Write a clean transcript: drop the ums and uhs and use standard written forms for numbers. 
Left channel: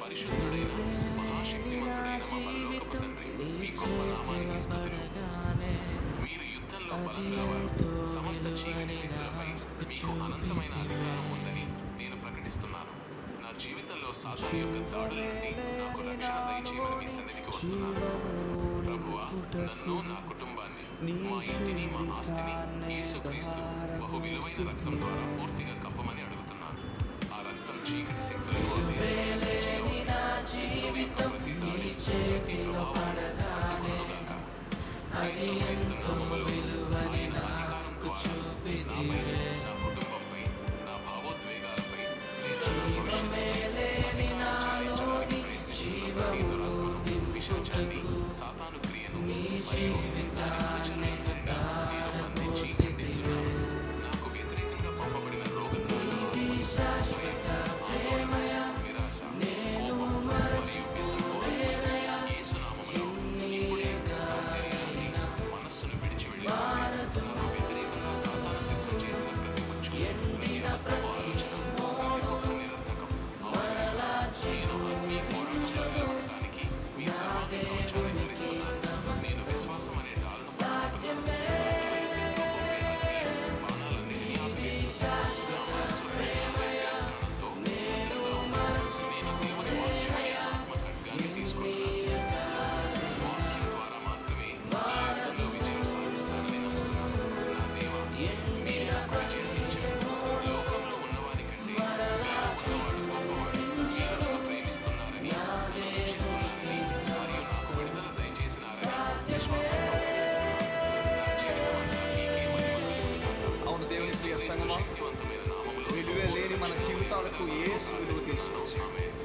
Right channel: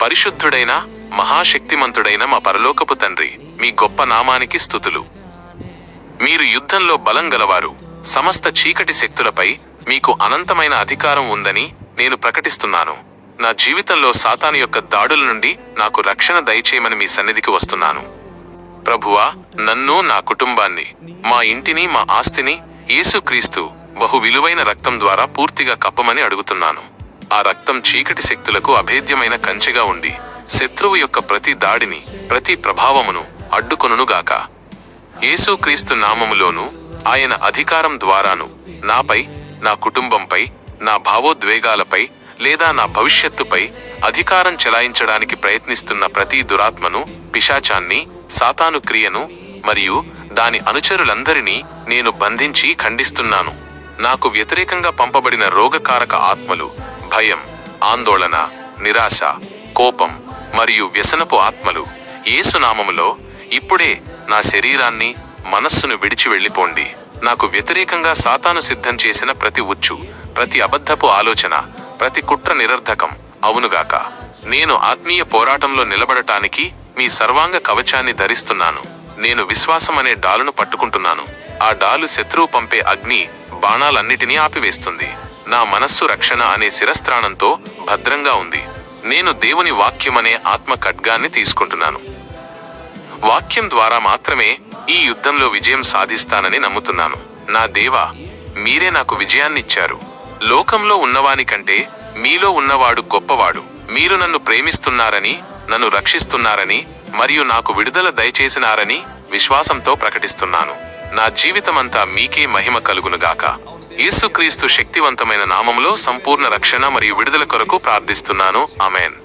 పరిశుద్ధుడైన మహాశక్తిమంతుడైన మా పరలోకపు తండ్రి, మీ గొప్ప నామానికి స్తుతులు. మీరు యుద్ధంలో బలం గలవారు. సమస్త చీకటి శక్తులపై మీకు అనంతమైన అధికారం ఉందని నేను ప్రకటిస్తున్నాను. నా జీవితంలో సాతాను యొక్క దాడుల నుండి నాకు రక్షణ దయచేయమని మీ సన్నిధికి వస్తున్నాను. ప్రభువా, నన్ను, నా కుటుంబాన్ని, మా ఇంటిని, మా ఆస్తిని యేసుక్రీస్తు బహు విలువైన రక్తం ద్వారా పూర్తిగా కప్పమని అడుగుతున్నాను. ఆ రక్తం చీకటి శక్తులకు అభేద్యమైన కంచెగా ఉండి శత్రువు యొక్క ప్రతి దాడిని, ప్రతి ప్రభావమును అడ్డుకొనుగాక. యేసుక్రీస్తు నామములోను ఆయన అధికారం ద్వారాను నాపై, నా కుటుంబంపై, నా భావోద్వేగాలపై లేదా నా భవిష్యత్తుపై అధికారం చెలాయించడానికి ప్రయత్నిస్తున్న ప్రతి దురాత్మను, పిశాచాన్ని, సాతాను క్రియను మరియు దాని అనుచరులందరినీ నేను బంధించి ఖండిస్తున్నాను. నాకు వ్యతిరేకంగా పంపబడిన రోగకారక ఆత్మలు, భయం, ఆందోళన, నిరాశ, కోపం మరియు వ్యసనపు ఆత్మలు యేసునామములో ఇప్పుడే నా శరీరాన్ని, మనస్సును విడిచి వెళ్ళిపోండి. నాకు వ్యతిరేకంగా సాతాను సిద్ధం చేసిన ప్రతి ఉచ్చు, ప్రతి అబద్ధపు ఆలోచన, ప్రతి కుట్ర నిరర్ధకం అవునుగాక. నేను ఆత్మీయ పోరాటంలో నిలబడటానికి మీ సర్వాంగ కవచాన్ని ధరిస్తున్నాను. నేను విశ్వాసం అనే డాలును పట్టుకుంటున్నాను. ఆ డాలు శత్రువు పంపే అగ్ని బాణాలన్నిటినీ ఆపివేస్తుంది. నా మనస్సు రక్షణ అనే శిరస్త్రాణంతో భద్రంగా ఉంది. నేను దేవుని వాక్యమనే ఆత్మ ఖడ్గాన్ని తీసుకుంటున్నాను. వాక్యం ద్వారా మాత్రమే ఈ యుద్ధంలో విజయం సాధిస్తానని నమ్ముతున్నాను. నా దేవా, మీరే నాకు విజయాన్నిచ్చారు. లోకంలో ఉన్నవాని కంటే మీలో ఉన్నవాడు గొప్పవాడు. మీరు నన్ను ప్రేమిస్తున్నారని, నన్ను రక్షిస్తున్నారని మరియు నాకు విడుదల దయచేసినారని విశ్వాసంతో ప్రకటిస్తున్నాను. నా జీవితమంతా మీకే మహిమ కలుగునుగాక. యేసుక్రీస్తు శక్తివంతమైన నామములో సంపూర్ణ రక్షణ మరియు విడుదల కొరకు ప్రార్థిస్తున్నాను. ఆమేన్.